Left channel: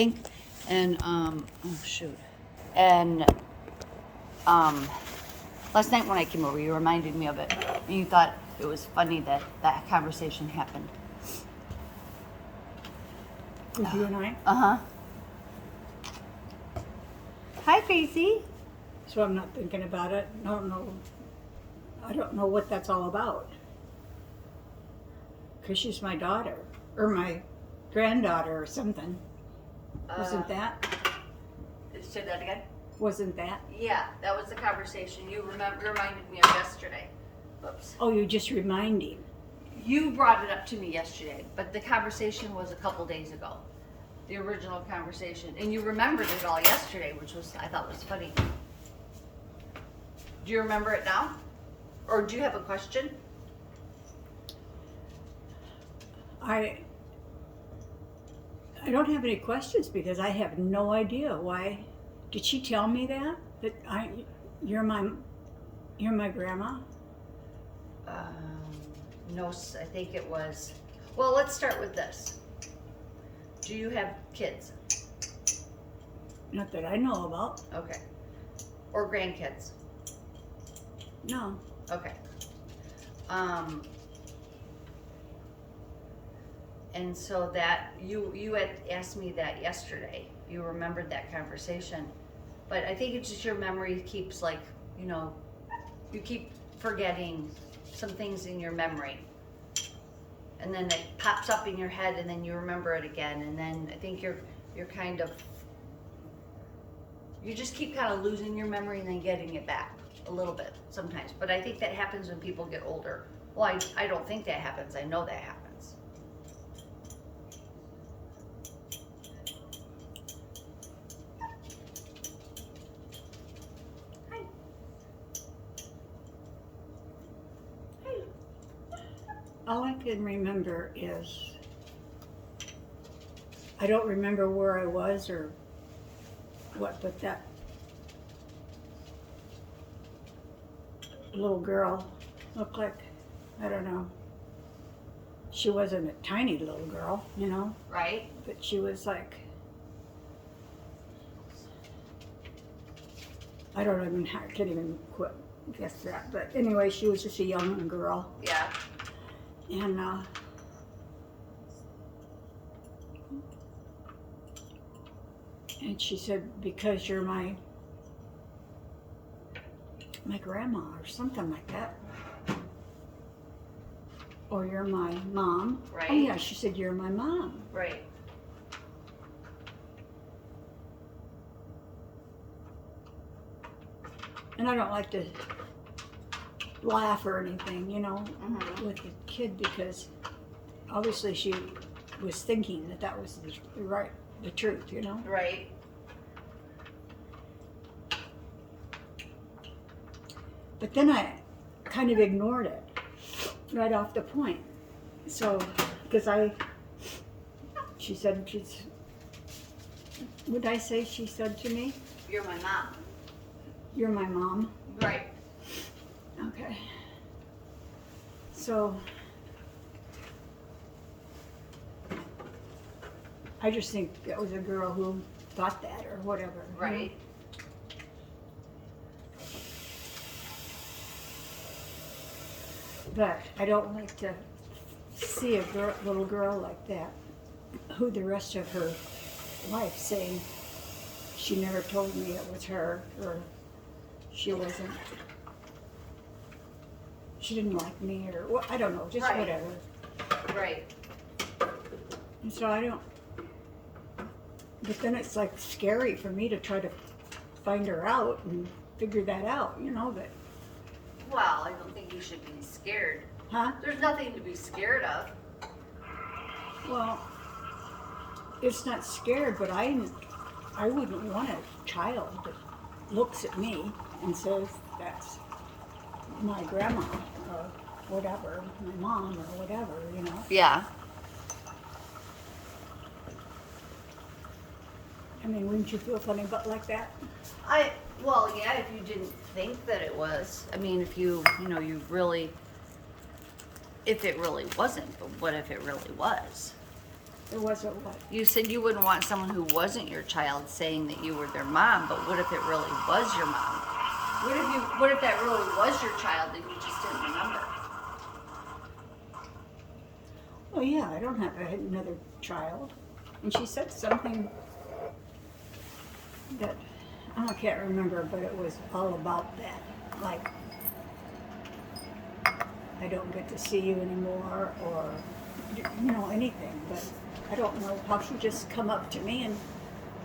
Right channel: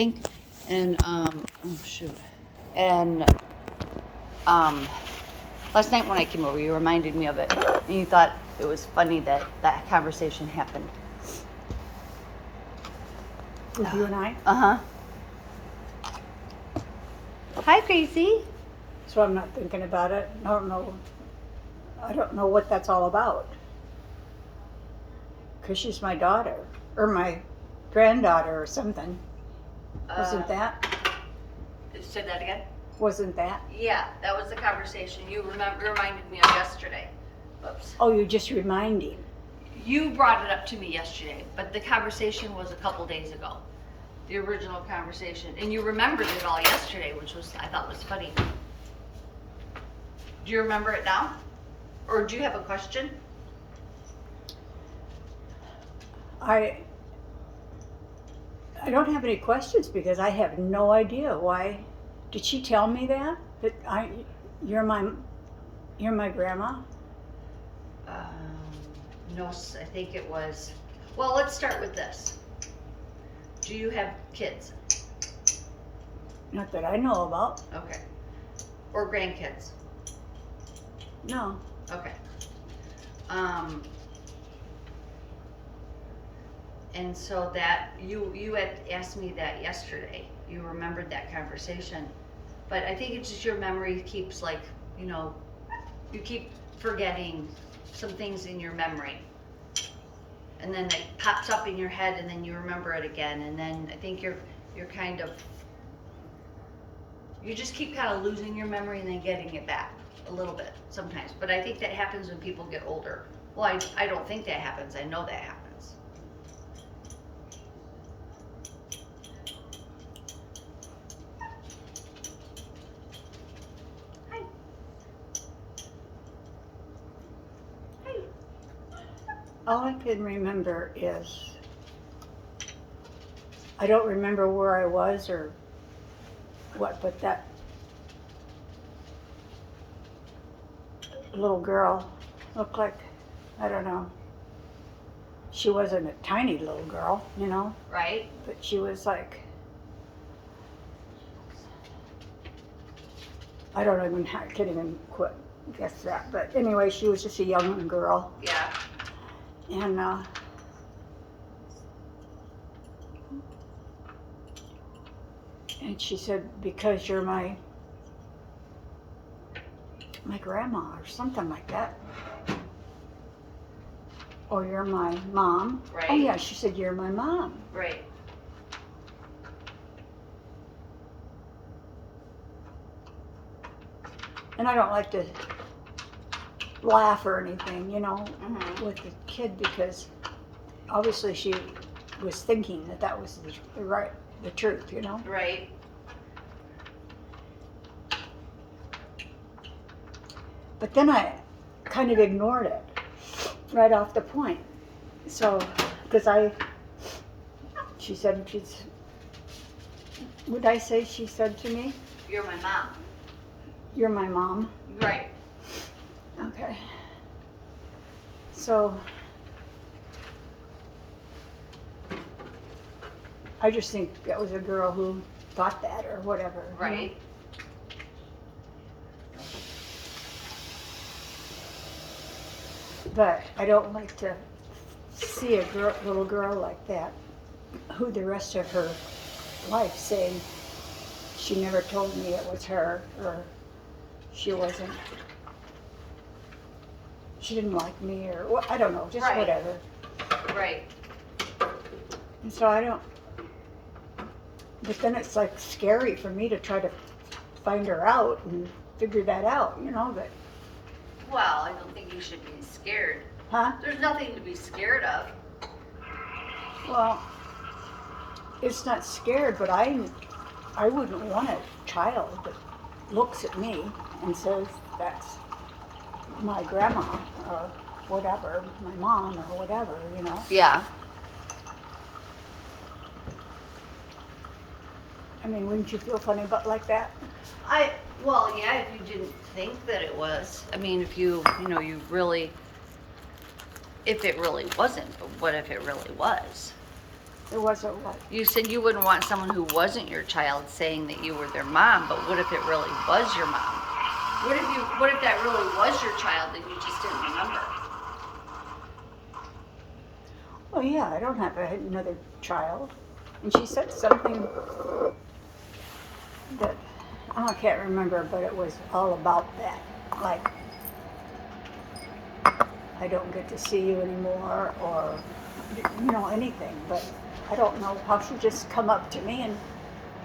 And oh shoot, and last night when I came over, you reminded me of it. And you thought it was funny that that conversation happened. With you and I? Uh-huh. Hi, Gracie. So I'm not thinking about it. I don't know what that's all about. Because she's my daughter, or my granddaughter or something. Wasn't that? Said that again? Wasn't that? Yeah, that was the conversation you reminded me of yesterday. Whoops. Oh, you're just reminding. You brought it up to me yesterday, but the conversation was a couple days ago. The original conversation. And you remembered it all yesterday, which was, I thought was funny. Do you remember it now? Or do you have a question? I don't have any questions because I have no idea why. Did she tell me that? You're my grandma? No, I think it was. Well, let's start with this. Do you have kids? Not that I know about. Okay. Or grandkids? No. Okay. And so that you had asked me that yesterday. You remembered that conversation, but I think it's just your memory keeps you keep forgetting some things in your memory, and then it pops up in your head, and then you remember it again, and then I think you're kind of you just keep kind of losing your memory and then getting it back a little bit sometimes. But I think that happens when people get older. Well, I don't think that happens. I know that happens. All I can remember is I don't remember where I was or what, but that little girl looked like, I don't know, she wasn't a tiny little girl, Right? but she was like, I can't even guess that, but anyway, she was just a young girl. Yeah. And she said, because you're my grandma or something like that. Or you're my mom. Right. Oh yeah, she said, you're my mom. Right. And I don't like to laugh or anything, Mm-hmm. with the kid, because obviously she was thinking that was the truth, Right. But then I kind of ignored it right off the point. So, because she said, would I say she said to me? You're my mom. You're my mom. Right. Okay. So, I just think that was a girl who thought that or whatever. Right. But I don't like to see a little girl like that, who the rest of her life saying she never told me it was her, or she didn't like me, or I don't know, just Right. whatever. Right. And so but then it's like scary for me to try to find her out and figure that out, that. Well, I don't think you should be scared. Huh? There's nothing to be scared of. Well, it's not scared, but I wouldn't want a child that looks at me and says that's my grandma or whatever, my mom or whatever, Yeah. I mean, wouldn't you feel funny about like that? Well, yeah, if you didn't think that it was. I mean, if you really, if it really wasn't, but what if it really was? It wasn't what? You said you wouldn't want someone who wasn't your child saying that you were their mom, but what if it really was your mom? What if that really was your child and you just didn't remember? Well, yeah, I don't have another child. And she said something that, oh, I can't remember, but it was all about that. Like, I don't get to see you anymore, or, anything. But I don't know how she just come up to me and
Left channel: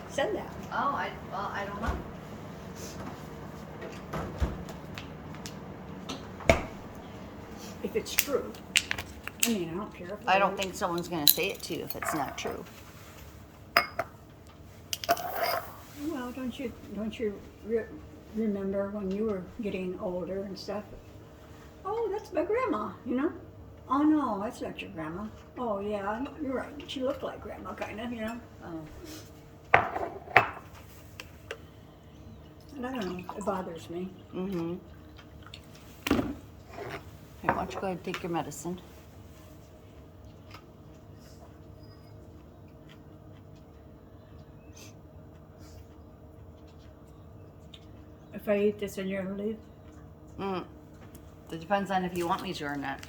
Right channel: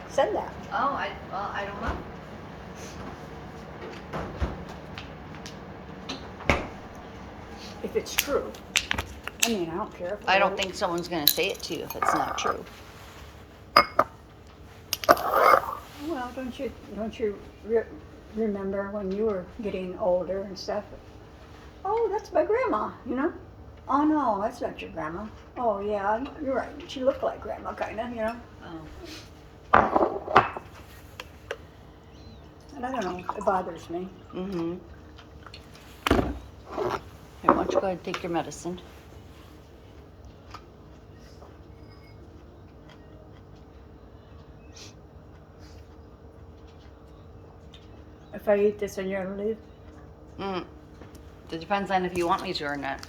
said that. Oh, I don't know. If it's true. I mean, I don't care. If I don't think someone's going to say it to you if it's not true. Well, don't you remember when you were getting older and stuff? Oh, that's my grandma, Oh no, that's not your grandma. Oh yeah, you're right. She looked like grandma, kind of, Oh. And I don't know. It bothers me. Mm-hmm. Here, why don't you go ahead and take your medicine? If I eat this, and you're gonna leave. It depends on if you want me to or not.